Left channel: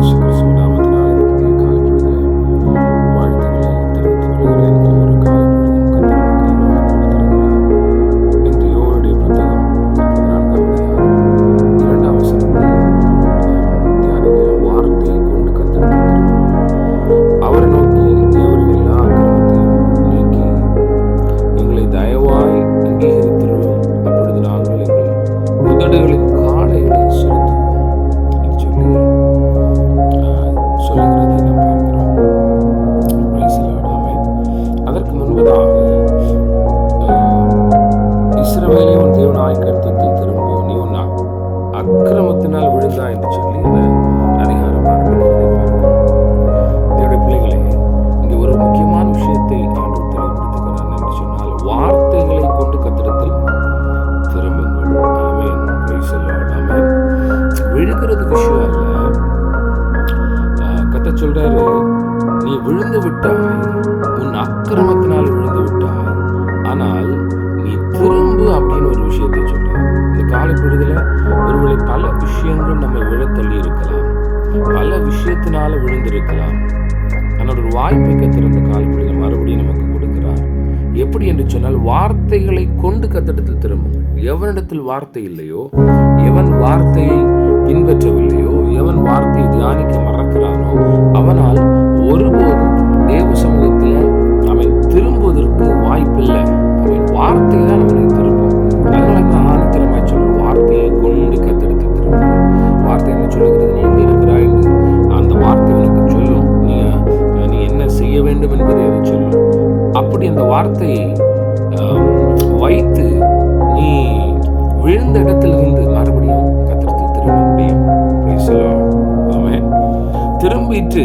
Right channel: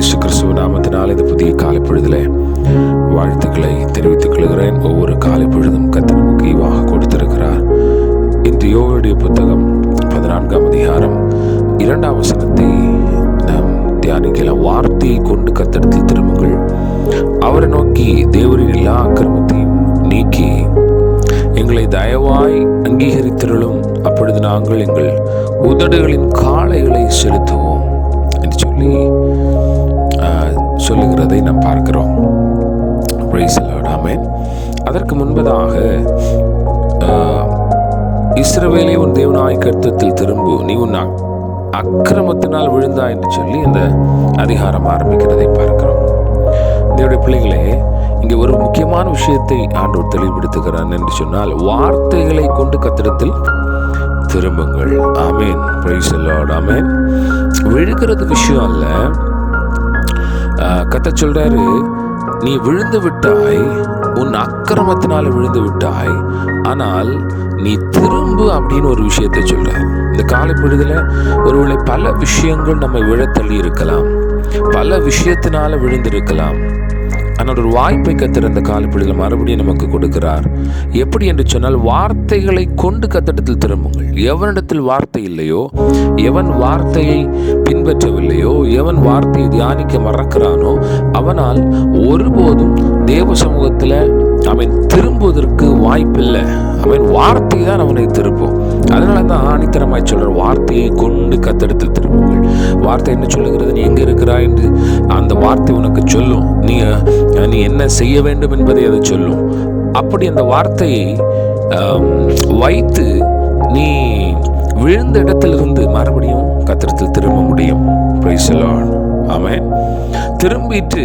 இயேசு கிறிஸ்துவ நாமத்தினால் இந்த புதிய காலை பொழுதிலே வாழ்த்துக்களை தெரிவித்துக் கொள்கிறேன். ஒவ்வொரு காலை பொழுதும் கர்த்தர் நமக்கு ஈவாக கொடுத்திருக்கிறார். இன்று யோவேலுடைய புத்தகம் 14ஆம் அதிகாரம் 2ஆம் வசனத்தை நாம் தியானிக்கலாம். வார்த்தையை கொண்டு கர்த்தரிடத்தில் திரும்புங்கள், அவரை நோக்கி தேவரின் எல்லா அக்கிரமத்தையும் நீக்கி எங்களை தயவாய் அங்கீகரித்திருளும், அப்பொழுது நாங்கள் எங்கள் உதடுகளின் காளைகளை செலுத்துவோம் என்று சொல்லுகிறதை நாம் பார்க்கிறோம். Praise the Lord. ஆமென். அதற்கு முன்பதாக இஸ்ரவேலே உன் தேவனாய் கர்த்தரிடத்தில் திரும்பு, நீ உன் அக்கிரமத்தினால் விழுந்தாய் என்று சொல்லி இந்த அதிகாரம் ஆரம்பிக்கிறதை பார்க்கிறோம். தேவனுடைய பிள்ளைகளே, இங்கே ஒரு முக்கியமான விஷயத்தை ஆண்டவர் தெளிவுபடுத்துகிறான் என்று சொன்னால், வார்த்தைகளை கொண்டு கர்த்தரிடத்தில் திரும்புங்கள். Amen. Praise the Lord. Amen. விழுகிறது விஷயம் அல்ல. கர்த்தர் சொல்றாரு, நீ விழுந்து விட்டாய், உன் அக்கிரமத்தினால விழுந்து விட்டாய், ஆனால் நீ திரும்பு அப்படின்னு ஒரு விஷயத்தை சொல்றார். இந்த காலை பொழுதுல ஒருவேளை பல விஷயங்கள் நம்ம விழத்தள்ளி இருக்கலாம், பல விஷயத்தினால விழுந்திருக்கலாம். ஆனால் ஒரு வாய்ப்பை கர்த்தர் இந்த காலப்பொழுதில் மறுபடியும் நமக்கு கொடுக்கிறார். எப்படி என்று சொன்னால், வார்த்தைகளை கொண்டு கர்த்தரிடத்தில் திரும்புங்கள். எவனிடத்தில் வார்த்தை இல்லையோ, எவன் வார்த்தையை பின்பற்றவில்லையோ, எவன் வார்த்தையை தியானிக்க மறக்கிறானோ, அவனால் ஒருபோதும் தேவ சமூகத்தில் அவன் திரும்புவதற்கு வாய்ப்பில்லை. அவன் வார்த்தை தான் அவனை திருப்பும். அதனால தான் ஆணித்தரமாய் சொல்ற, வார்த்தையை கொண்டு கர்த்தரிடத்தில் திரும்புங்கள். வார்த்தை என்ன சொல்லுகிறது? நீ எங்க இருக்கிறாய் என்று அந்த வார்த்தை உனக்கு சொல்லும். நீ என்ன செய்ய வேண்டும் என்பதை அதை சொல்லும். அப்படி அந்த வார்த்தையை வைத்து நீ விழுந்த இடத்திலிருந்து மறுபடியும் கர்த்தரிடத்தில் திரும்ப முடியும். Price the Lord. ஆமென். திரும்பிட்டு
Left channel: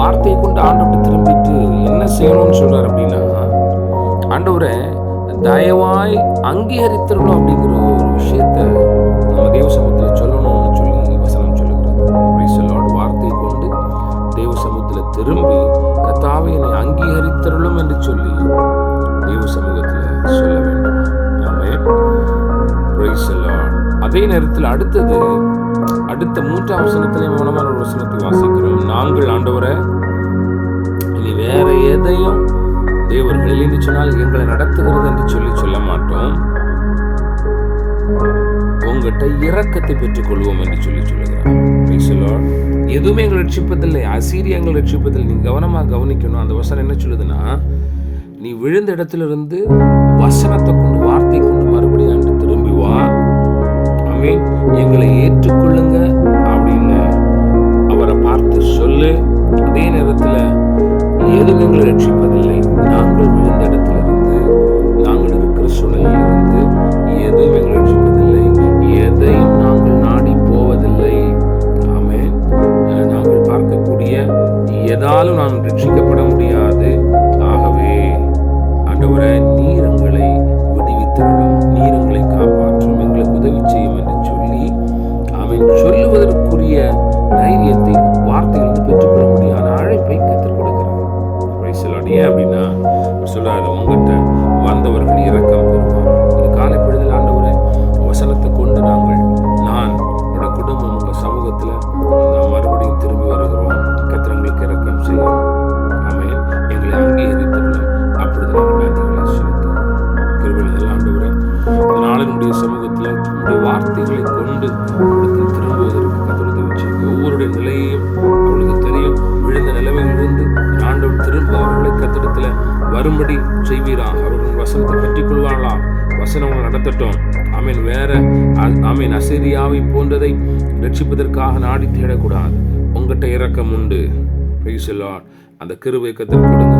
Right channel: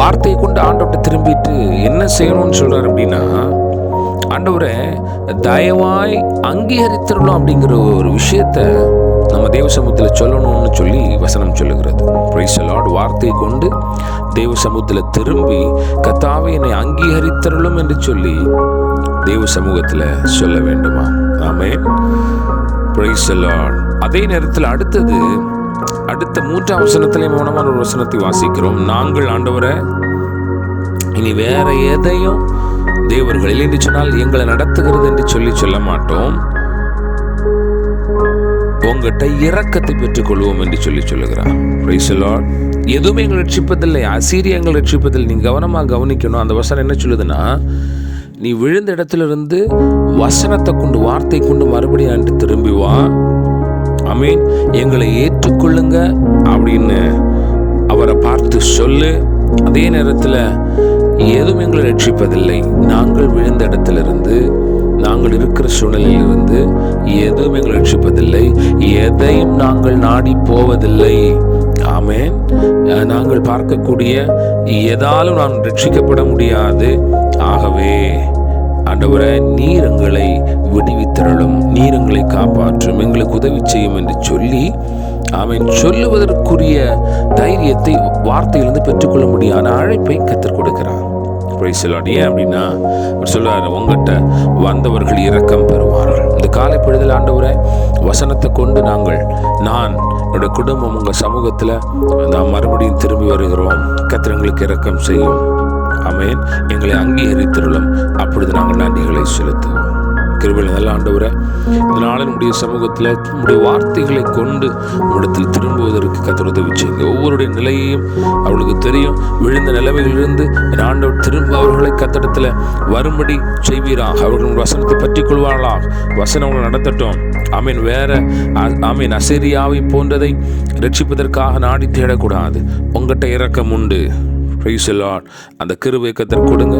வார்த்தையை கொண்டு ஆண்டவர்கிட்ட திரும்பிட்டு என்ன செய்யணும்னு சொல்றாரு அப்படின்னா, ஆண்டவரை தயவாய் அங்கீகரித்திரணும் அப்படிங்கிற ஒரு விஷயத்த நம்ம தேவ சமூகத்தில் சொல்லணும்னு சொல்லி வசனம் சொல்லுகிறது. Price the Lord. வார்த்தையை கொண்டு தேவ சமூகத்தில் திரும்பி, கர்த்தாவே என்னை அங்கீகரித்திரலும் என்று சொல்லி தேவ சமூகத்தில் சொல்ல வேண்டுமா? ஆமென். Praise the Lord. அதே நேரத்தில் அடுத்த 3ஆம் வசனத்திலே மௌனமான ஒரு வசனத்தை வாசிக்கிறோம். நாங்கள் ஆண்டவரை இனி வேற எதையும் தேவர்கள் என்று சொன்னால் எங்களை நடத்துகிறது என்று சொல்ல மாட்டோம், உங்ககிட்ட இரக்கத்தை பெற்றுக் கொள்வோம் என்று சொல்லுகிறார். Price the Lord. எதுவுமே எங்களை ரட்சிப்பதில்லை, அசீரியா எங்களை ரட்சிப்பதில்லை. நீ கவனமாக கவனிக்கணும். அந்த வசனம் என்ன சொல்லுதுன்னா, நீ விழுந்த இடத்திலிருந்து வசனத்தை கொண்டு, வார்த்தை கொண்டு மறுபடியும் அன்று திரும்பி வா. ஆமென். எங்களை ஏற்றுக்கொள்ளுங்க அப்படின்னு அவரை பார்த்து சொல்லு. அதே நேரத்தில் எதுவும் எங்களை ரட்சிப்பதில்லை, நாங்கள் விழுந்த இடத்திலிருந்து, நாங்கள் இருக்கிற சூழ்நிலையிலிருந்து எதுவும் எங்களை ரட்சிப்பதில்லை, எதையும் நாங்கள் நாடி போவதில்லை. ஆமென். நாங்கள் பார்க்கக்கூடிய எதாலும் நாங்கள் ரட்சிக்கப்பட முடியாது. ஆகவே ஆண்டவரே, நீர் எங்களை விடுவித்தருளும், நீர் எங்களை காப்பாற்றும், எங்களுக்கு உதவி செய்யும் என்று சொல்லி அவன் சொல்லுவதற்குரிய தைரியத்தை வார்த்தையிலிருந்து பெற்றுக்கொள்ள முடியாத அழைப்பை கர்த்தர் கொடுக்கிறார். Price the Lord. ஏன் அப்படின்னா அவர் சொல்றாரு, உங்ககிட்ட வந்தவர்கள் இரக்கம் பெறுவார்கள். இந்த காலை பொழுதில் ஆண்டவரை வசனத்தை கொண்டு நான் என்னோட குடும்பம் உங்கள் சமூகத்தில் நாம் மறுபடியும் திரும்பி வருகிறோம். கர்த்தர் எங்களுக்கு இரக்கம் செய்யும். ஆமென். எங்களை அங்கீகரித்திருளும், அப்பொழுது நாங்கள் நன்றிகளை செலுத்துவோம். கிருபையில் நல்ல ஆண்டவரே, இதனால நம்முடைய சமூகத்தில் நம்முடைய வார்த்தைகளை கொண்டு நம்மிடத்தில் திரும்புவதற்கு கர்த்தர் உதவி செய்யுங்க. ஒவ்வொருடைய நிலையையும் அவளுக்கு தெரியும். விழுந்த நிலைமையிலிருந்து ஆண்டவர் திரும்ப அவர்களை கர்த்தரிடத்தில் வரும்படி செய்வீராக. அவர்கள் வசனத்தை பற்றி கொள்வார்களாக. வசனம் அவங்களை நடத்தட்டும். ஆமீன். வேற ஆமீன் அசீரியாவை போன்றதை ரட்சிப்பதற்காக நாடி தேடக்கூடாது. உங்கள்கிட்ட இரக்கம் உண்டு. Price the Lord. அந்த கிருபையை கர்த்தர் கொடுங்க.